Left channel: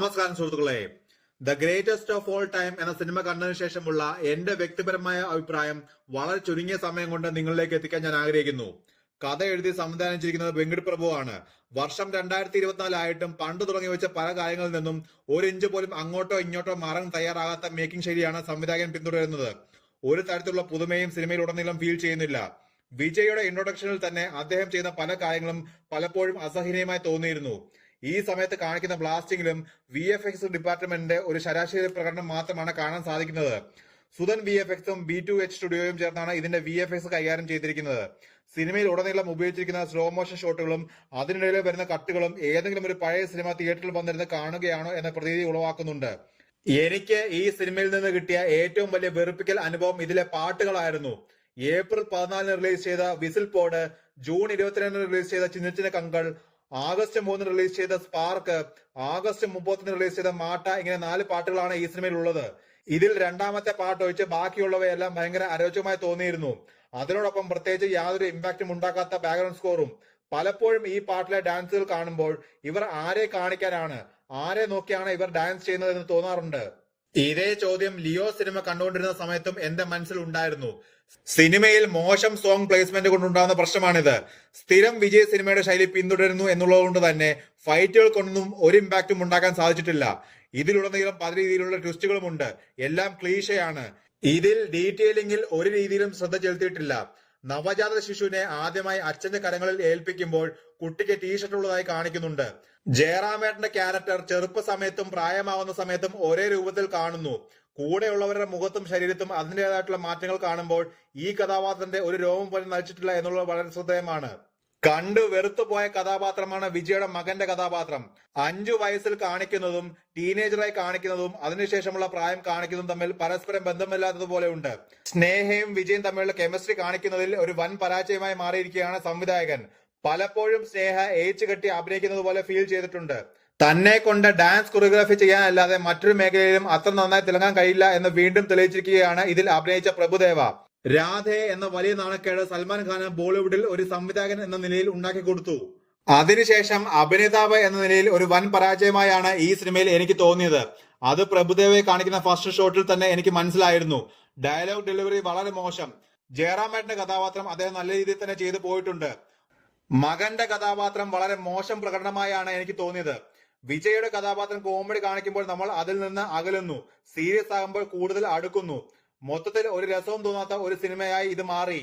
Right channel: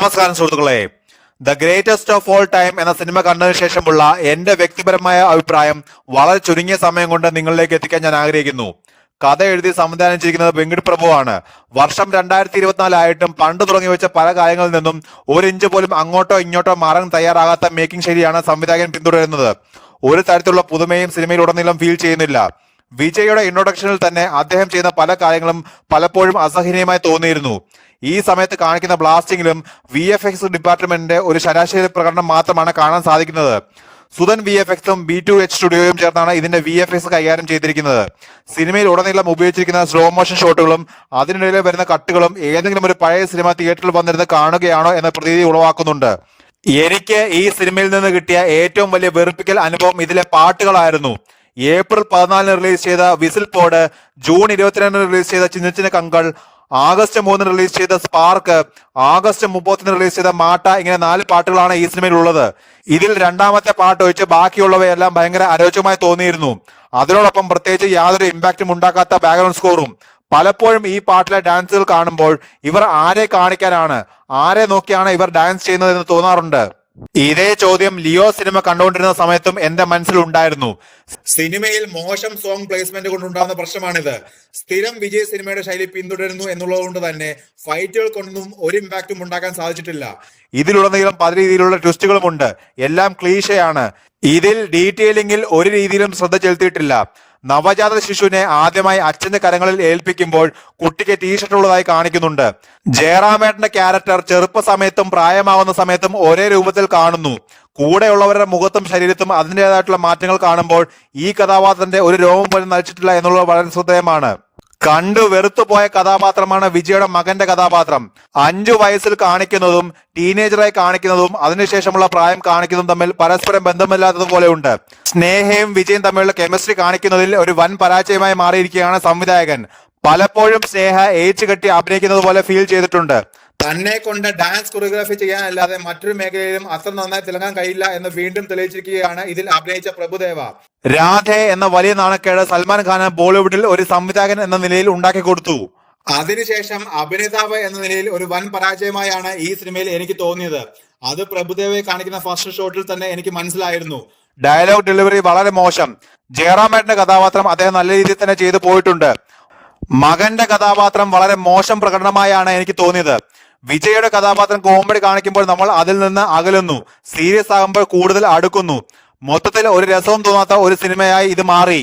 നമസ്കാരം സുഹൃത്തുക്കളെ. The greatest of all time എന്ന സിനിമ കണ്ടതിനു ശേഷമുള്ള എന്റെ വ്യക്തിപരമായ അഭിപ്രായം വളരെ ചുരുങ്ങിയ സമയം കൊണ്ട് നിങ്ങളിലേക്ക് എത്തിക്കാൻ ഞാൻ ആഗ്രഹിക്കുന്നു. കഥ എഴുതി സംവിധാനം ചെയ്തിരിക്കുന്നത് വെങ്കിട് പ്രഭു ആണ്. വർഷം 2024 ആയിട്ടും പണ്ട് തുടങ്ങി വെച്ച പല കാര്യങ്ങളിൽ നിന്നും ഒരു ഇഞ്ച് പോലും അങ്ങോട്ടോ ഇങ്ങോട്ടോ മാറാൻ തയ്യാറാകാത്ത മേക്കിംഗ് ശൈലിയാണ് സംവിധായകൻ പിന്തുടരുന്നത്. ഒരു തരത്തിലുള്ള പുതുമയും സിനിമയിലുടനീളം ഫീൽ ചെയ്യുന്നില്ല. വിജയുടെ ഇൻട്രൊഡക്ഷനിൽ തന്നെ അദ്ദേഹം ചെയ്യുന്ന പല കാര്യങ്ങളും പലപ്പോഴും അസഹനീയമായി തോന്നിയിരുന്നു. ഈ സമയത്ത് കാണിക്കുന്ന ബ്ലാസ്റ്റിംഗിലും VFX ഡിപ്പാർട്ട്മെന്റിന്റെ ഒരു ശരാശരി പ്രകടനം മാത്രമാണ് കാണാൻ സാധിക്കുന്നത്. സുധൻ VFXും B2H സ്റ്റുഡിയോയും ചേർന്നാണ് ഇതിന്റെ VFX കൈകാര്യം ചെയ്തിരിക്കുന്നത്. സിനിമയിൽ ഉടനീളം ഉപയോഗിച്ചിരിക്കുന്ന സ്ലോ മോഷൻ ഷോട്ടുകളും അതിനിടയിൽ വരുന്ന കട്ടുകളും ഏതെങ്കിലും ഒരു പഴയ സിനിമ തിയേറ്ററിൽ വന്നിരുന്ന് കാണുകയാണോ എന്ന പ്രതീതി ഉളവാക്കുന്നുണ്ട്. എനിക്ക് ഈ സിനിമയിൽ നിന്ന് കിട്ടിയ ഏറ്റവും വലിയ വെറുപ്പിക്കൽ അനുഭവം ഇതിലെ പാട്ടുകളായിരുന്നു. ഏപ്രിൽ 14 റിലീസ് ചെയ്ത വിസിൽ പോഡ്, ജൂൺ 22 റിലീസ് ചെയ്ത ചിന്ന ചിന്ന കങ്കൾ, ആഗസ്റ്റ് 3 റിലീസ് ചെയ്ത സ്പാർക്ക്, ആഗസ്റ്റ് 30 റിലീസ് ചെയ്ത മാട്ട, ഇങ്ങനെ 4 പാട്ടുകളാണ് ഈ സിനിമയിൽ ഉള്ളത്. ഇതിൽ രണ്ടാമത്തെ പാട്ട് ഒഴിച്ച് ബാക്കിയുള്ളവയെല്ലാം ഭയങ്കര അരോചകമായി തോന്നിയിരുന്നു. അതിനോടൊപ്പം പ്രത്യേകിച്ച് യാതൊരു ഇമ്പാക്റ്റും ഉണ്ടാക്കാത്ത ബാക്ക്ഗ്രൗണ്ട് സ്കോറും. പലപ്പോഴും ഈ പാട്ടിലെ ഡാൻസുകൾ കാണുമ്പോൾ ഇവർ ആരെ കാണിക്കാനാണ്, ആരെ നോക്കിയാണ് ഇവർ ഡാൻസ് ചെയ്യുന്നതെന്ന് തോന്നാറുണ്ട്. ഇതേ ചോദ്യം ലിയോ സിനിമ കണ്ടുകൊണ്ടിരുന്ന സമയത്തും എന്റെ മനസ്സിൽ ഉണ്ടായിരുന്നു. സിനിമയിൽ മോശം സോങ് പ്ലേസ്മെന്റ് കൊണ്ടുണ്ടാകുന്ന പ്രശ്നമാണിത്. സ്ഥിരം വിജയ് സിനിമയുടെ ശൈലി പിന്തുടരുന്നു എന്നുള്ളത് കൊണ്ട് തന്നെ ഫൈറ്റുകൾ കൊണ്ടൊന്നും ഒരു ഇമ്പാക്റ്റും ഉണ്ടാക്കാൻ സാധിച്ചിട്ടില്ല. ഇതിലുടനീളം പല രീതിയിലുള്ള ട്വിസ്റ്റുകളുമുണ്ട്. എല്ലാം ക്ലീശയാണ്. ഇതിൽ ഡീറ്റെയിലിംഗിൽ ഒരു രീതിയിലും ശ്രദ്ധ ചെലുത്തിയിട്ടില്ല. നവജാത ശിശുവിനെ ആദ്യമായി അച്ഛന്റെ കരങ്ങളിൽ ഏൽപ്പിക്കുമ്പോൾ കുട്ടിക്ക് ടീഷർട്ട് ഉള്ളതായി കാണിക്കുന്നുണ്ട്. ജയറാമേട്ടന്റെ ക്യാരക്ടർ ചെറുപ്പ സമയത്തും പ്രായമാവുന്ന സമയത്തും ഒരേ രൂപത്തിൽ കാണുന്നു. കൂടെയുള്ളവരുടെ മുഖത്തും ശരീരത്തും അതിൻ്റെതായിട്ടുള്ള മാറ്റങ്ങൾ കാണുമ്പോൾ ഈ കഥാപാത്രത്തിന്റെ ഒരു രോമം പോലും നയിച്ചിട്ടില്ല എന്നുള്ളത് വളരെ ശ്രദ്ധേയമാണ്. കണ്ടു വെറുത്തുപോയ കഥാപാത്രമാണ് വിജയുടെ മകന്റെ കഥാപാത്രം. 5 വയസ്സിൽ കാണിക്കുന്നതും ടീനേജറായി കാണിക്കുന്നതും അതിനുശേഷമുള്ള പ്രായം കാണിക്കുന്നതും തമ്മിൽ പരസ്പരം ബന്ധമില്ലാത്തതുപോലെ ഉണ്ട്. സ്നേഹയും വിജയും തമ്മിലുള്ള കെമിസ്ട്രി കാണിക്കുന്നതിൽ ഒരു വൻ പരാജയമായി മാറിയിരിക്കുകയാണ് സംവിധായകൻ. പലപ്പോഴും സ്നേഹ ഏച്ചു കെട്ടി അഭിനയിക്കുന്നത് പോലെ ഫീൽ ചെയ്തിട്ടുണ്ട്. തന്നെ കൊണ്ട് ഡാൻസ് കൊറിയോഗ്രാഫി ചെയ്യാനല്ലാതെ മറ്റൊരു മേഖലയിലും അത്ര നന്നായി തിളങ്ങാൻ കഴിയില്ല എന്ന് വീണ്ടും തെളിയിച്ചിരിക്കുകയാണ് ഇതിൽ അഭിനയിച്ച പ്രഭുദേവ. രാധെ എന്ന വലിയ നാണക്കേട് സൽമാൻ ഖാന് ബോളിവുഡിൽ ഒരു സംവിധായകൻ എന്ന നിലയിൽ ഉണ്ടാക്കി കൊടുത്തു. അതിനുശേഷം അഭിനേതാവ് എന്ന നിലയിൽ ഒരു വൻ പരാജയമായാണ് ഈ സിനിമയിൽ എനിക്ക് തോന്നിയത്. അത് പ്രഭുദേവയെ കാണിക്കുന്ന ഫസ്റ്റ് ഷോട്ടിൽ തന്നെ എനിക്ക് മനസ്സിലായിരുന്നു. ഡയലോഗ് ഡെലിവറി വളരെ മോശം. ജയറാമേട്ടന്റെ കഥാപാത്രം അദ്ദേഹം നല്ല രീതിയിൽ തന്നെ ചെയ്തു പോയിട്ടുണ്ട്. മകന്റെ കഥാപാത്രം വളരെ മോശം പ്രകടനമായാണ് എനിക്ക് തോന്നിയത്. വിജയുടെ കഥാപാത്രം കോമഡി കാണിക്കുമ്പോൾ നമ്മൾ അതിൽ നിന്ന് അകലുന്നു, സീരിയസ് ആകുമ്പോൾ കൂടുതൽ അടുക്കുന്നു. മൊത്തത്തിൽ ഒരു രസവും തോന്നാത്ത ഒരു സിനിമയായി ഇത് മാറി.